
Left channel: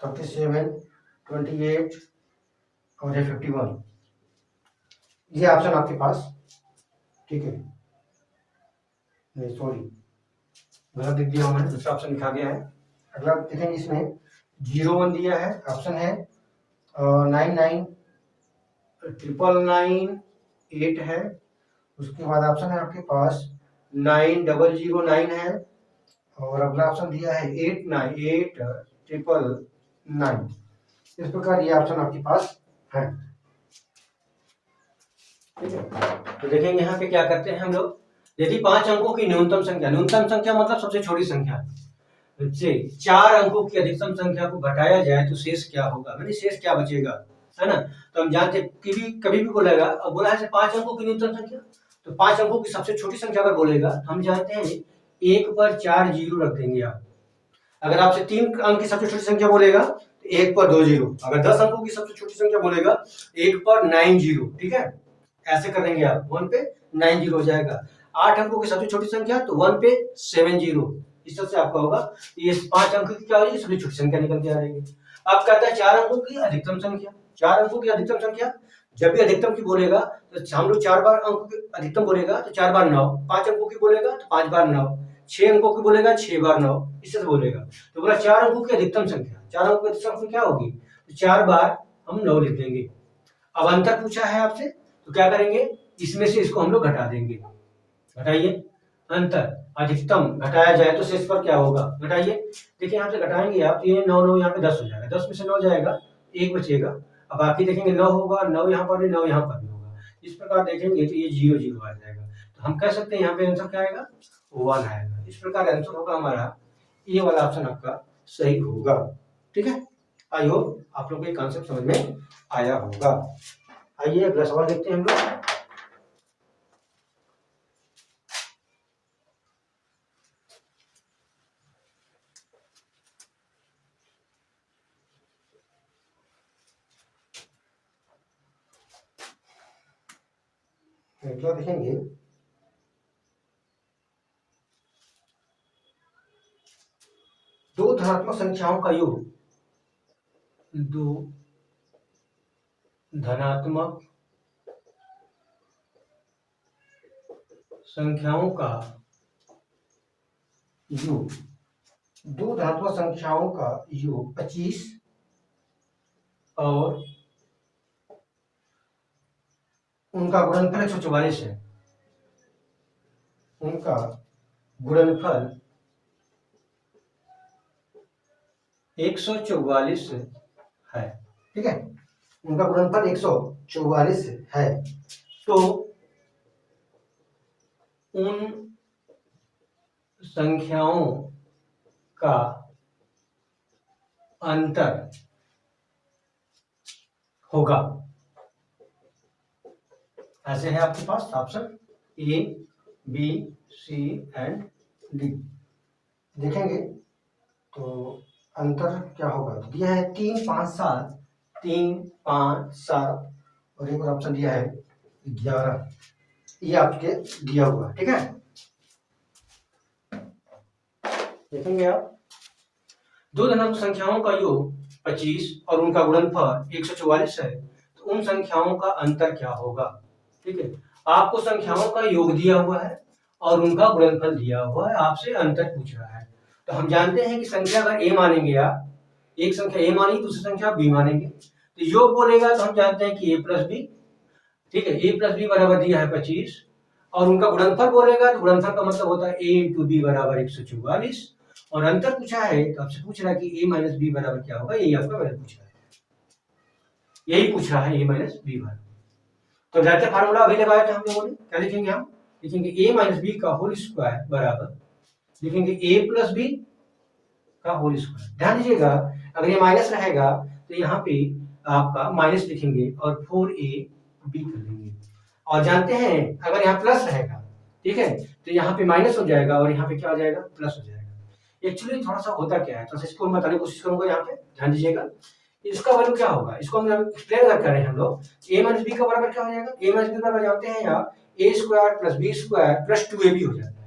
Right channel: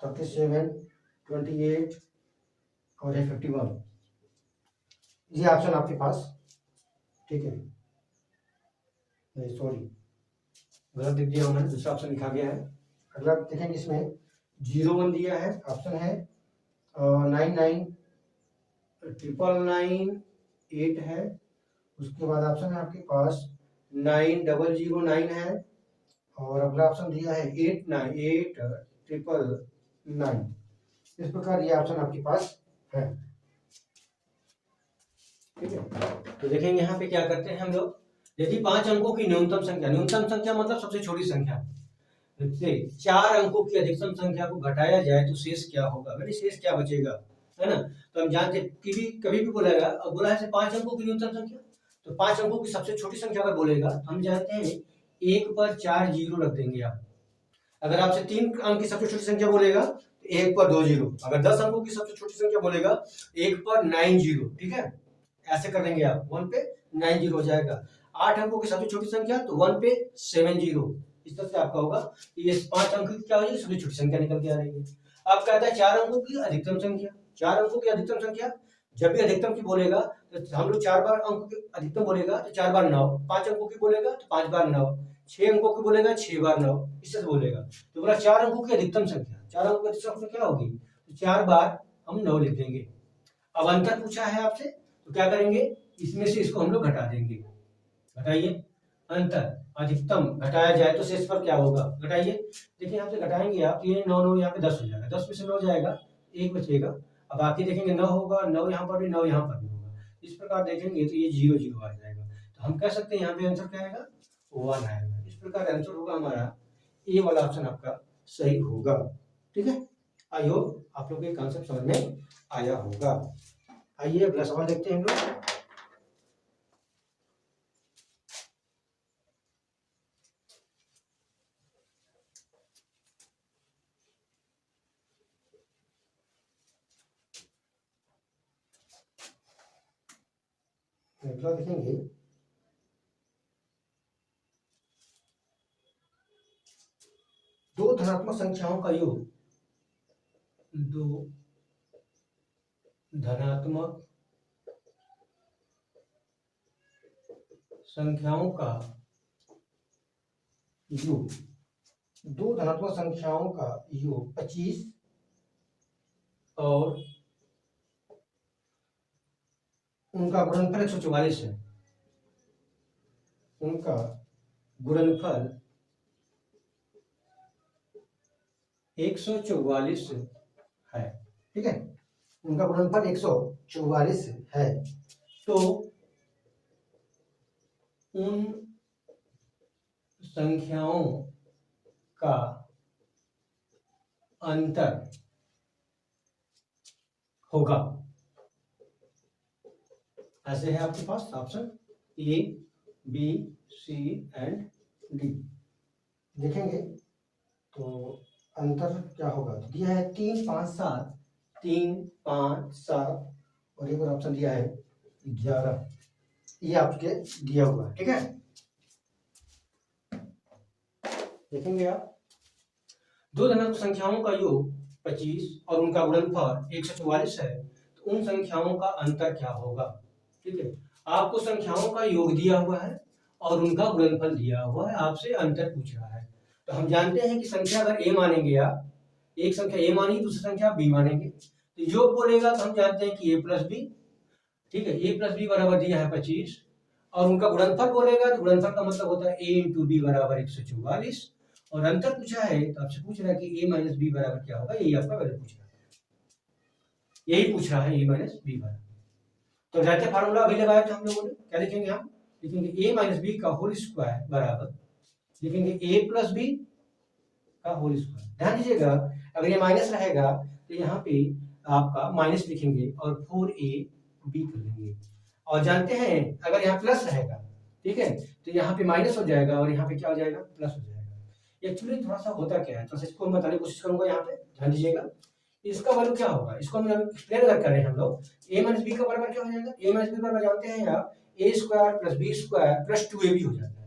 37 28 और 51, ये ऑप्शन आपके पास, ठीक है। नहीं सॉरी, गलत लिख दिया मैंने, दूसरा ऑप्शन लिखा गया है। अगला देखेंगे, इसमें 01 दिया है, ऑप्शन है 99 999 8 है, उसके बाद ऑप्शन है आपके पास 9009 है, और अगला ऑप्शन दिया है 898999। इस प्रकार ये ऑप्शन आपके पास है, ठीक है। तो देखेंगे यहाँ पे क्या करते हैं हम लोग, यदि 5 अंकों की न्यूनतम संख्या मतलब सबसे छोटी संख्या से 4 अंकों की अधिकतम संख्या को घटाया जाए तो शेष क्या होगा, मतलब शेष क्या बचेगा, है ना। तो हम जानते हैं कि कभी भी बोलेगा, अब बोला है 5 अंकों की न्यूनतम संख्या, तो 5 अंकों की सबसे छोटी संख्या अगर बोलेगा तो हम जानते हैं 1 पर 4 जीरो रख देंगे आप। अगर आपसे 3 अंक की सबसे छोटी संख्या बोलेगा तो 1 पर 2 जीरो, अगर 10 अंकों की सबसे छोटी संख्या बोलेगा 1 पर 9 जीरो, ठीक है, ऐसे कर देंगे आप, 1 पे 9 जीरो हो जाएगा। 8 अंकों की सबसे छोटी संख्या तो 1 पे 70, इस तरह से आपका होगा। ये 5 अंक की क्या होगी, सबसे छोटी संख्या निकल के आ रही है। अब कहता है 4 अंकों की अधिकतम संख्या। 4 अंकों की अधिकतम संख्या, जब भी अधिकतम की बोलेगा तो हम लोग 4 बार अंक की अधिकतम बोलेगा तो 4 बार 9, 5 अंकों की बोलेगा तो 5 बार 9, 6 अंकों की बोलेगा 6 बार 9, इससे बोलेगा। तो बोला 4 अंकों की अधिकतम संख्या, 4 अंकों की अधिकतम संख्या क्या होगी, तो 4 बार हम 9 लिख देंगे। अब अंतर पूछा है आपसे तो क्या करेंगे, इसमें से इसको हम लोग घटा देंगे। घटाइए, अंतर अधिकतम घटाया जाए तो शेष पर क्या होगा, घटाइए। देखिए यहाँ से घटाएंगे आप, ये 9 9 यहाँ पे 10 हो जाएगा, 10 में से 9 जाएगा, 1 बचेगा। अब बाकी देखेंगे 9 होगा, 9 यहाँ पर भी, 9 यहाँ पर भी होगा। इस प्रकार देखेंगे तो ये 0 0 आ जाएगा। तो हम कह सकते हैं यहाँ पे आंसर क्या आएगा, 1 आएगा। इस प्रकार आंसर होगा हमारा, ये वाला ऑप्शन आपका सही होगा। ठीक है, आई होप आप लोग को ये कॉन्सेप्ट समझ में आया होगा। आइए अगला सवाल देखते हैं हम लोग। अगला देखेंगे, दो धनात्मक संख्याओं का योग, दो धनात्मक संख्याओं का योग, दो धनात्मक संख्याओं का योग 25 और उनका गुणनफल 144 है। उनका गुणनफल 144 है। ठीक है, उनका गुणनफल 144 है। तो उन संख्याओं का अंतर होगा, ऐसे है आपके पास option A, B, C and D. देखेंगे तो अंतर क्या होगा, तो दिया है 3 5 7, 3 5 7 और एक और ऑप्शन दिया है 11, ये आपके दिया हुआ। ठीक है, देखेंगे आप, दो धनात्मक संख्याओं का योग 25 और उनका गुणनफल 144 है, तो उन संख्याओं का अंतर क्या होगा। ठीक है, आपको संख्याओं का योग दिया हुआ है और उनका गुणनफल दिया हुआ है, आपसे अंतर पूछ रहा है। तो हम जानते हैं कि संख्या अगर a मानेंगे आप, एक संख्या a मानेंगे, दूसरी संख्या b मानेंगे, तो योग बोलेगा तो हम जानते हैं कि a प्लस बी। ठीक है, a प्लस बी बराबर दिया है 25 और उनका गुणनफल बोलेगा तो गुणनफल का मतलब होता है a इंटू बी बराबर 144 और अंतर पूछा है तो आपसे पूछ रहा है कि a माइनस बी बराबर क्या होगा, यही आपका वैल्यू पूछ रहा है, यही पूछ रहा है a माइनस बी बराबर। तो जाते फार्मूला अभी लगाया था हम लोगों ने, क्या लिखेंगे हम, लिखेंगे a माइनस बी का होल स्क्वायर बराबर, लिखेंगे a प्लस बी का होल स्क्वायर। ध्यान दीजिएगा, अगर ये माइनस रहेगा तो यहाँ पे आपका माइनस लिखेंगे और 4ab कर लेंगे, और जानते हैं अगर यहाँ प्लस रहेगा, ठीक है, तो यहाँ पे माइनस हो जाएगा और यहाँ पे क्या हो जाएगा, प्लस हो जाएगा। एक्चुअली थोड़ा सा होता क्या है, तो इसको मैं बताने की कोशिश करूंगा। यहाँ पे ध्यान दीजिएगा, इसका वैल्यू क्या होगा, इसको हम एक्सप्लेन अगर कर रहे हैं हम लोग, a माइनस बी का बराबर क्या हो जाएगा, a माइनस बी बराबर जानते हैं आप a square plus B square plus 2ab हो जाता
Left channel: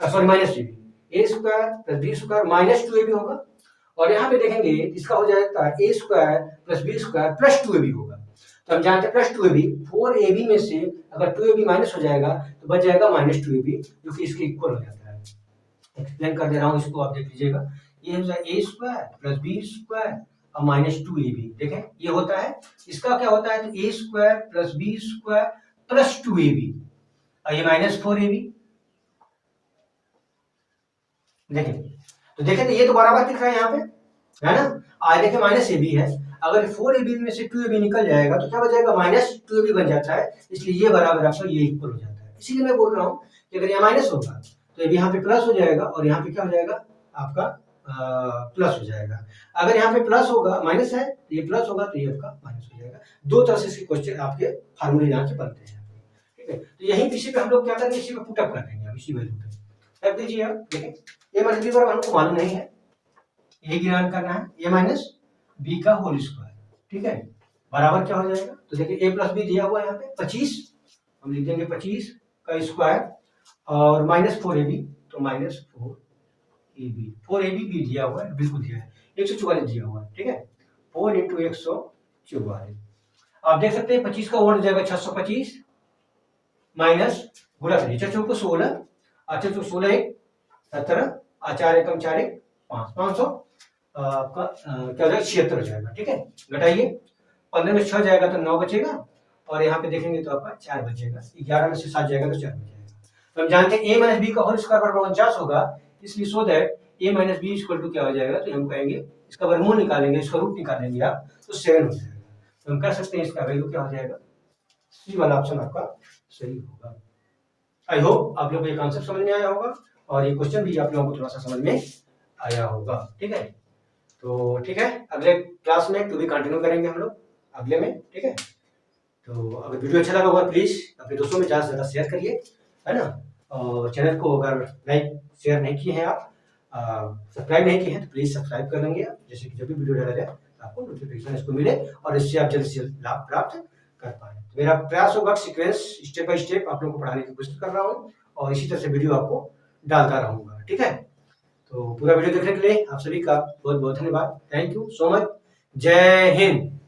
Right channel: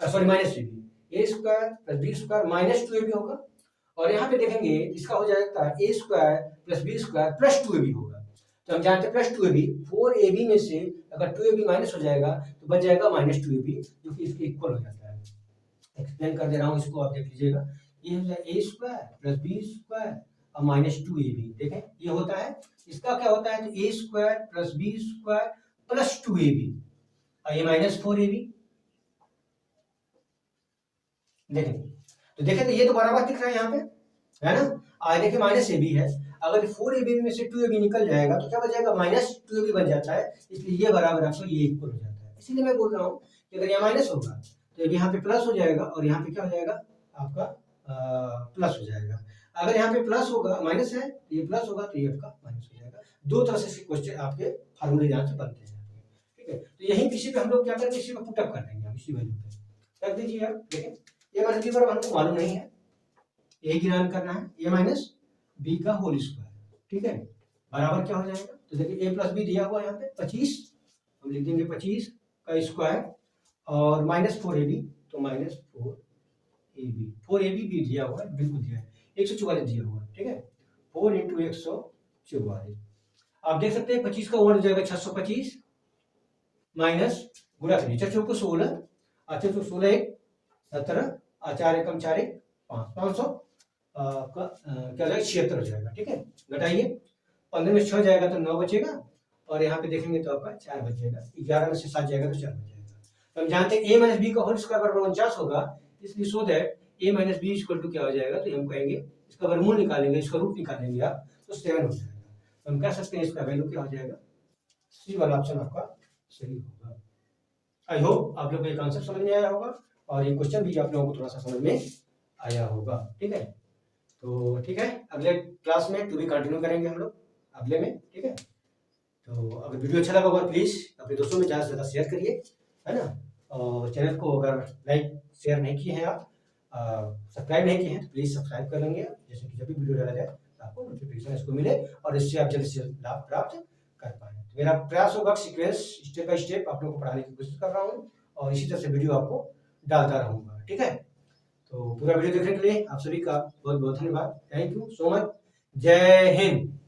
है, sorry minus 2ab, a square plus B square minus 2ab होगा। और यहाँ पे देखेंगे इसका हो जाएगा a square plus B square plus 2ab होगा। तो हम जानते हैं प्लस 2ab, 4ab में से अगर 2ab माइनस हो जाएगा तो बच जाएगा माइनस 2ab, जो कि इसके इक्वल हो जाता है। एक्सप्लेन कर दे रहा हूँ, इसको आप देख लीजिएगा, ये हो जाएगा a square plus B square और माइनस 2ab। देखें ये होता है, इसका क्या होता है, तो a square plus B square plus 2ab और ये माइनस 4ab। देखें तो देखें तो ये तो बराबर दिख रहा है यहाँ पे, है ना, आज देखें माइनस ab है, अगर 4ab में से 2ab निकल जाएगा तो क्या बच माइनस 2ab बन जाता है, इसलिए ये बराबर आपका ये इक्वल हो जाता है। इसीलिए मैं बोल रहा हूँ कि अगर ये माइनस होगा तो यहाँ पे प्लस हो जाएगा और यहाँ पे क्या हो जाएगा आपका प्लस हो जाएगा। अगर यहाँ पे प्लस होगा, माइनस है ये प्लस होगा तो ये आपका माइनस हो जाएगा। दो तरह से इसके क्वेश्चन आपके फार्मूले यहाँ से बनते हैं। ठीक है, तो यही इसी पे हम लोग क्या करेंगे, इसी पे पुटअप कर देंगे, इसी वैल्यू पे रख दीजिए आप। देखें ये माइनस बी बराबर हमको मालूम नहीं है, यही ज्ञान करना है, a माइनस बी का होल स्क्वायर। ठीक है, बराबर क्या हो जाएगा, तो देखिए a प्लस बी दिया हुआ है यहाँ पे 25, हम लिख देंगे 25 का स्क्वायर और -4ab, तो -4ab, 4ab भी दिया हुआ है, बिल्कुल दिया है, 144 दिया हुआ है, ठीक है, 4 × 144। आप देख सकते हैं 25 का ओवर जाएगा 625 माइनस गुणा करिए, 6 चौको 16, 16 1 17, 4 एकम 4 1 5, 500 का क्या हो जाएगा 76 हो जाएगा, ठीक है। घटाइए, 15 में 6 जाएगा तो 9 बचेगा, और यहाँ पे देखेंगे तो आपका 4 बचेगा, 11 में से 7 जाएगा तो 4 बचेगा। तो हम जानते हैं a माइनस बी का होल स्क्वायर बराबर 49 होगा, इसलिए so that a minus B equal to क्या हो जाएगा, तो हम कहेंगे इसका वर्गमूल निकालेंगे, इसका रूट निकालेंगे आप, तो 7 हो जाएगा। तो हम कह सकते हैं इसका वैल्यू क्या हो जाएगा, सी वाला ऑप्शन आपका सही होगा। आई होप आप लोगों को ये कॉन्सेप्ट समझ में आया होगा, और ये क्वेश्चन भी आप लोगों को थोड़ा सा समझ में आया होगा, ठीक है। तो ठीक है, अगले क्लास में टू बी कंटिन्यू करेंगे हम लोग अगले में, ठीक है। तो अगर वीडियो अच्छा लगा होगा प्लीज़ अपने दोस्तों में ज़्यादा से ज़्यादा शेयर करिए, है ना। और चैनल को अगर लाइक शेयर नहीं किए हैं आप, सब्सक्राइब नहीं किए हैं, तो प्लीज़ सब्सक्राइब कर लेंगे आप, जैसे कि जब भी वीडियो डाला जाए आपको नोटिफिकेशन इसको मिले, और इससे आप जल्द से जल्द लाभ प्राप्त कर पाए। मेरा प्रयास होगा सीक्वेंस स्टेप बाय स्टेप आप लोगों को पढ़ाने की कोशिश कर रहा हूँ, और इसी तरह से वीडियो आपको डालता रहूँगा, ठीक है। तो पूरा वीडियो देखने के लिए आप सभी का बहुत बहुत धन्यवाद। Thank you so much. जय हिंद।